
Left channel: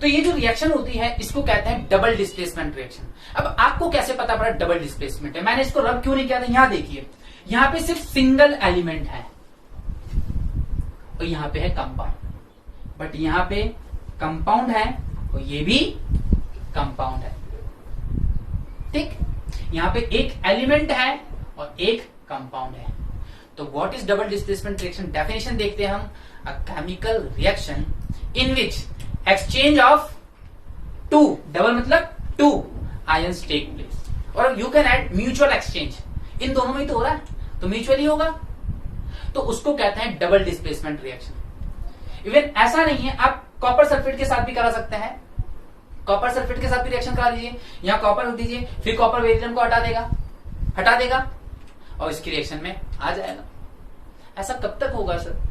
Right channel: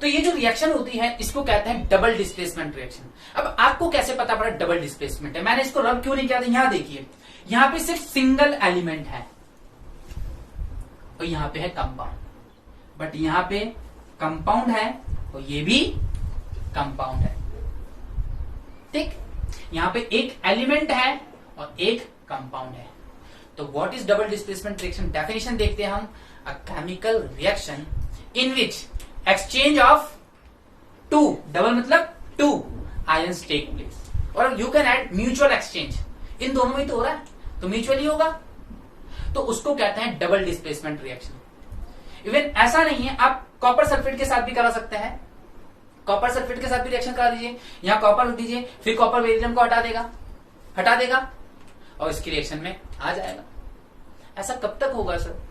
तो ये जो रिएक्शन होती है इसको कहते हैं डबल डिस्प्लेसमेंट रिएक्शन। अब आपको कैसे पता पड़ा डबल डिस्प्लेसमेंट है, मैंने इसको रब क्यों नहीं किया था, यहां देखिए, यहां पे सिर्फ सिंगल एलिमेंट है और यहां पे है कंपाउंड, बट यहां पे कंपाउंड है और ये भी कंपाउंड है। ठीक, यहां पे एक एलिमेंट है और एक कंपाउंड है। तो what is double displacement reaction? Definition देखते हैं हम। A chemical reaction in which exchange of two, double मतलब टू आयंस टेक प्लेस, और you can add mutual exchange. इन दोनों में ही तो हो रहा है, तो म्यूचुअली होगा, तो उसको कहते हैं डबल डिस्प्लेसमेंट रिएक्शन। इवन ऐसा नहीं है, आप कॉपर सल्फेट के साथ भी करा सकते हैं। कॉपर सल्फेट के साथ भी रिएक्शन करा दीजिए, यहां कॉपर रख दीजिए, फिर कॉपर बेरिलियम को हटा देगा और इसकी रिएक्शन में आ जाएगा। ऐसा कब तक होगा सर?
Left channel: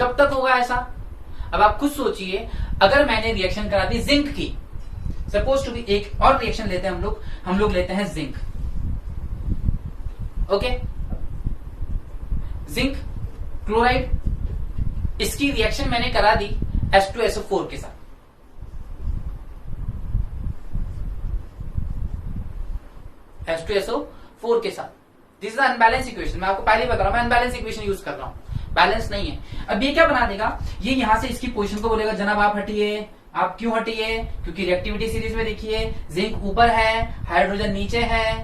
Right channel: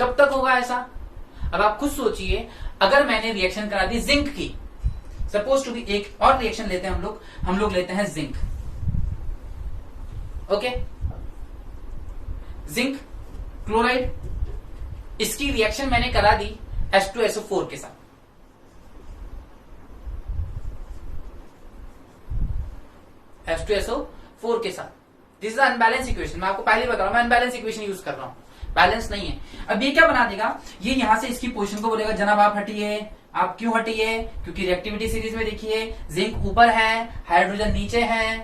कब तक होगा ऐसा? अब आप खुद सोचिए, अगर मैंने रिएक्शन करा दी जिंक की, सपोज टू बी, एक और रिएक्शन लेते हैं हम लोग लेते हैं जिंक। ओके, जिंक क्लोराइड, इसकी रिएक्शन मैंने करा दी H2SO4 के साथ। H2SO4 के साथ, दिस इज अनबैलेंस इक्वेशन। मैं आपको पहले ही बता रहा हूं, मैं अनबैलेंस इक्वेशन यूज कर रहा हूं, बैलेंस नहीं है। अब ये क्या बना देगा, ये यहां से इसकी पोजीशन को बोलेगा जनाब आप हटिए। आप क्यों हटिए? क्योंकि रिएक्टिविटी सीरीज में देखिए, जिंक ऊपर है, हाइड्रोजन नीचे है,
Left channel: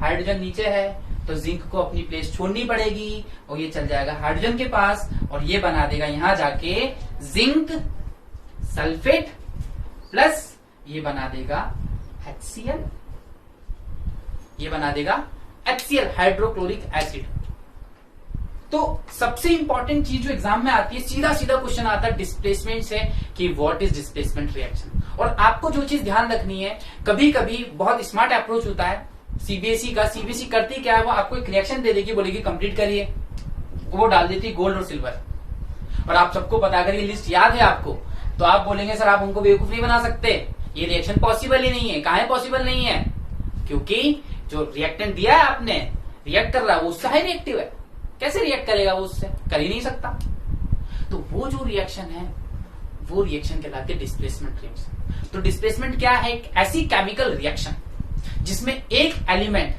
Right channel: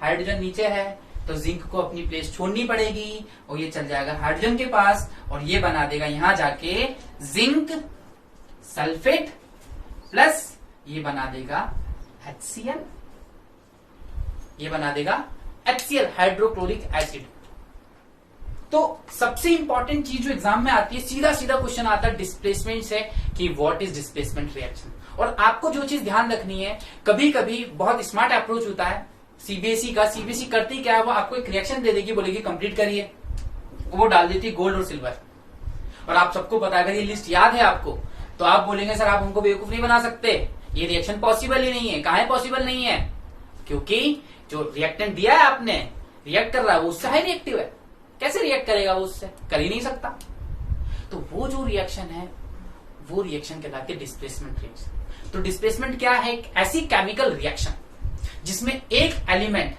हाइड्रोजन नीचे है, तो जिंक को अपनी प्लेस छोड़नी पड़ेगी और ये चल जाएगा हाइड्रोजन के पास और ये बना देगा यहां जाके जिंक सल्फेट प्लस ये बना देगा HCl, ये बना देगा HCl, हाइड्रोक्लोरिक एसिड। तो सबसे इंपॉर्टेंट चीज जो एग्जाम में आती है, सीधा क्वेश्चन आता है डिस्प्लेसमेंट से कि व्हाट इज डिस्प्लेसमेंट रिएक्शन। और आपको जो चीज ध्यान रखनी है, कभी कभी बहुत स्मार्ट अप्रोच होता है सीबीएसई का। सीबीएसई करती क्या है, वो आपको एक रिएक्शन दे देगी, बोलेगी कंप्लीट करिए, वो डाल देती गोल्ड और सिल्वर। और आप सबको पता, अगर ये लिस्ट याद है आपको, तो आप बोलेंगे सर आप उनको बेवकूफ नहीं बना सकते, ये रिएक्शन पॉसिबल ही नहीं है। काहे पॉसिबल नहीं है? क्योंकि जो रिएक्टेंट दिया है आपने, रिएक्ट कर रहा है, वो उससे हाई रिएक्टिव है। कैसे रिएक्ट करेगा वो? उससे कर ही नहीं सकता। तो वो जो रिएक्शन है, वो रिएक्शन कहलाती है डिस्प्लेसमेंट रिएक्शन। तो डिस्प्लेसमेंट क्या है? एक ऐसी केमिकल रिएक्शन जिसमें एक एलिमेंट,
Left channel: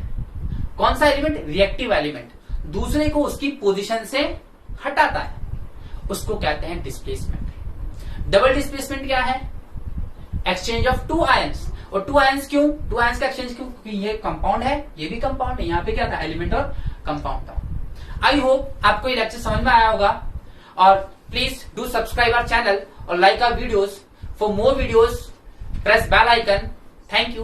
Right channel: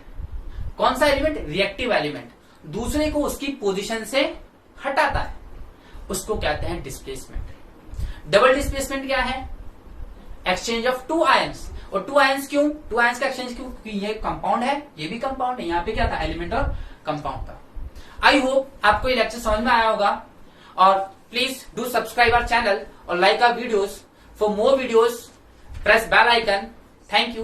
कौन सा एलिमेंट? रिएक्टिव एलिमेंट, दूसरे को उसकी पोजीशन से हटाता है, उसको कहते हैं डिस्प्लेसमेंट। डबल डिस्प्लेसमेंट क्या है? Exchange of two ions. और टू आयंस क्यों? टू आयंस का एक्सचेंज क्यों? क्योंकि ये कंपाउंड है, ये भी कंपाउंड है। यहां पे क्या था? एलिमेंट और कंपाउंड था। आई होप आपको ये लेक्चर समझ में आया होगा, और please do subscribe our channel और like our videos. For more videos press bell icon. Thank you.